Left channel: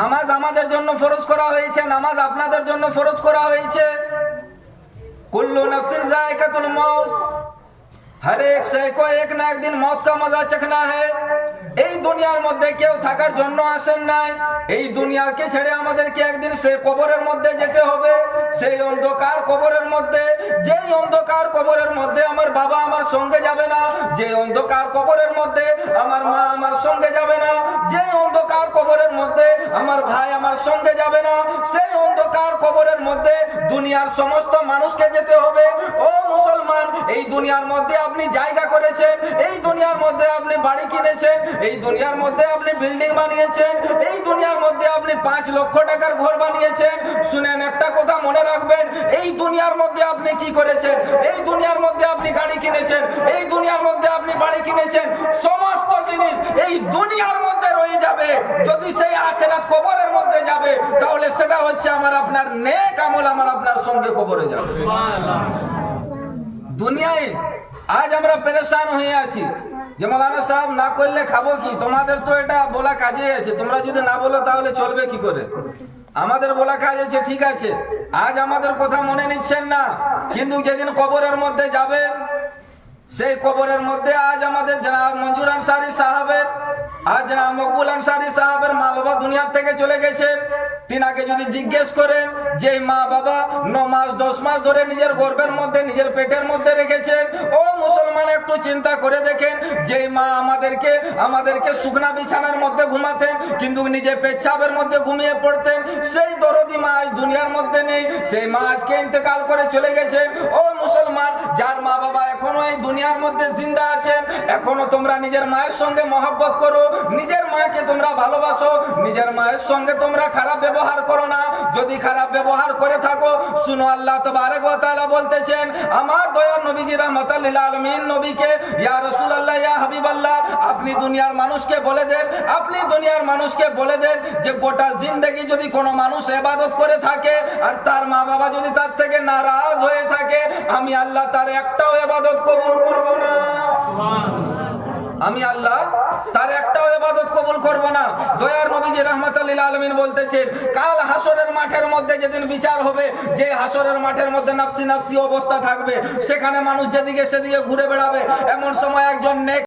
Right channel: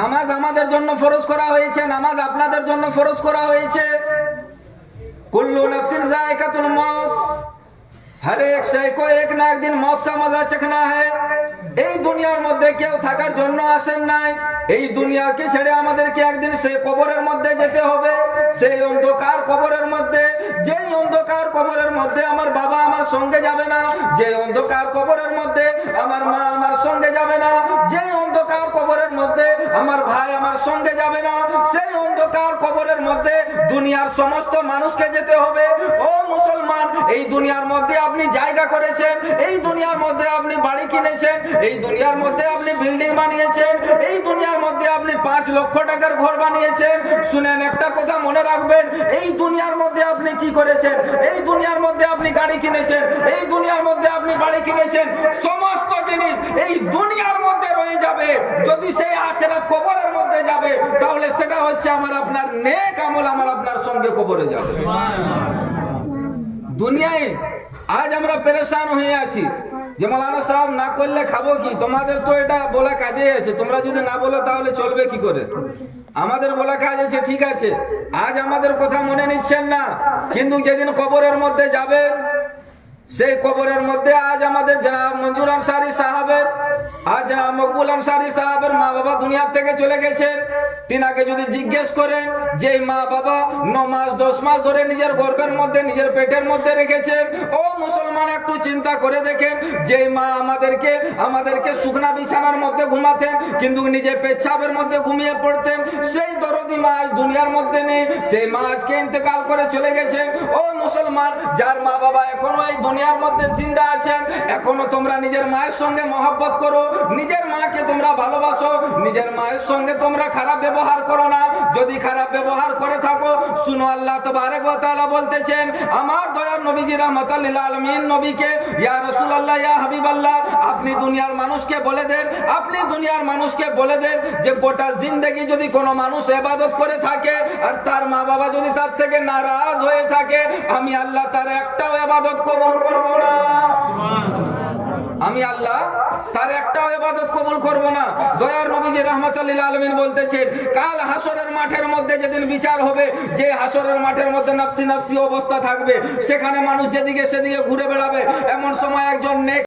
নামাজ আমাদের জন্য ফরজ করা হয়েছে, নামাজ আপনাদের জন্য ফরজ করা হয়েছে। কুল্লু নফসিন যায়কাতুল মউত, हर एक से को एक ना एक दिन मौत का मजा चखना है। এই দুনিয়ার মধ্যে কেউ থাকার জন্য আসেন নাই, এই দুনিয়াকে ছেড়ে আমাদেরকে একদিন সেই কবরের মধ্যে যেতে হবে। সেই অন্ধকার কবরের মধ্যে, যেই অন্ধকার কবরের মধ্যে আমার বাবা আমার সঙ্গে যাবে না, যে অন্ধকার কবরের মধ্যে আমার মা আমার সঙ্গে যাবে না, যে অন্ধকার কবরের মধ্যে আমার ভাই আমার সঙ্গে যাবে না, সেই অন্ধকার কবরের মধ্যে দুনিয়ার সমস্ত মানুষকে যেতে হবে। ও মুসলমান, এই দুনিয়ার মধ্যে আপনি জায়গা করেছেন, এই দুনিয়ার মধ্যে আপনি বাড়ি কিনেছেন, এই দুনিয়ার মধ্যে আপনি বিল্ডিং বানিয়েছেন, এই দুনিয়ার মধ্যে আপনি 5 লক্ষ টাকার ঘর বানিয়েছেন। শুনেন, একটা কথা মনে রাখবেন, এই দুনিয়ার মধ্যে আপনি কি করেছেন, এই দুনিয়ার মধ্যে আপনি গাড়ি কিনেছেন, এই দুনিয়ার মধ্যে আপনি বাড়ি কিনেছেন, সমস্ত জিনিস এই দুনিয়ার মধ্যে রয়ে যাবে। যদি সেই আখিরাত কবরের মধ্যে যাবে, তাহলে সেটা হচ্ছে আমার আপনার নেক আমল আমার আপনার সঙ্গে কবরে যাবে। দুনিয়ায় আজ আমরা পেরেশান হয়ে আছি যে মৌলানা সাহেব না করলে খাবো কি। তোমাদের তো এটা বলা কাজে আছে, তোমরা যদি না বলো তাহলে চলবে কি করে। আমাদের বলা কাজ আছে, ঠিক আছে, আজ আমাদের কথা মনে নিচ্ছেন না, কিন্তু যেদিন কবরের মধ্যে যাবেন, সেই কবরের মধ্যে আজ আমাদের জনাব মঞ্জুর আনসারী সাহেবের, আজ জনাব মকবুল আনসারী সাহেবের মা বাবা দুনিয়া থেকে চলে গেছেন। তিনাকে যদি জিজ্ঞেস করেন যে মা বাবা 9 মাস 10 মাস ধরে নিজের গর্ভের মধ্যে নিজের পেটের মধ্যে রেখেছেন, ও মুসলমান একটু চিন্তা করে দেখেন, যে মা আমাদেরকে শুকনা বিছানার মধ্যে ঘুমাতেন, কিন্তু নিজে পেচ্ছাবের মধ্যে ঘুমিয়ে পড়তেন, সেই দরদি মা আজ দুনিয়ার মধ্যে নেই, সেই মা আজকে ইন্তেকাল করে চলে গেছেন। ও মুসলমান, যার মা বাবা এখনো এই দুনিয়ার মধ্যে জিন্দা আছেন, এখনো তোমরা নিজের মায়ের সঙ্গে মহব্বত করো, নিজের মাকে তোমরা ভালোবাসো, নিজের মায়ের সঙ্গে তোমরা খারাপ ব্যবহার করো না। যদি খারাপ ব্যবহার করে থাকো, শুনো, আল্লাহ তাবারক ওয়া তাআলা বলতেছেন, আমার দয়ার নবীজি রাহমাতাল লিল আলামিন নবীকে, ইয়া রাসূলুল্লাহ, ইয়া হাবিবাল্লাহ, আপনি দুনিয়ার মানুষকে বলে দেন, আপনি দুনিয়ার মানুষকে বলে দেন যে গোটা জিন্দেগি যদি কোনো মানুষ ইবাদত করে থাকে আর তার মা বাবা যদি তার থেকে নারাজ হয়ে থাকে, আমি আল্লাহ তার একটাও ইবাদত কবুল করব না। আমি আল্লাহ তার একটাও ইবাদত কবুল করব না। দয়ার নবীজি রাহমাতুল লিল আলামিন বলতেছেন, কাল হাসরের মাঠের মধ্যে যেদিন বিচার হবে, যে হাসরের মাঠের মধ্যে নাফসি নাফসি অবস্থা থাকবে, সেখানে মানুষ যেদিকে সেদিকে ঘুরে বেড়াবে, এমন সময় একজন নেক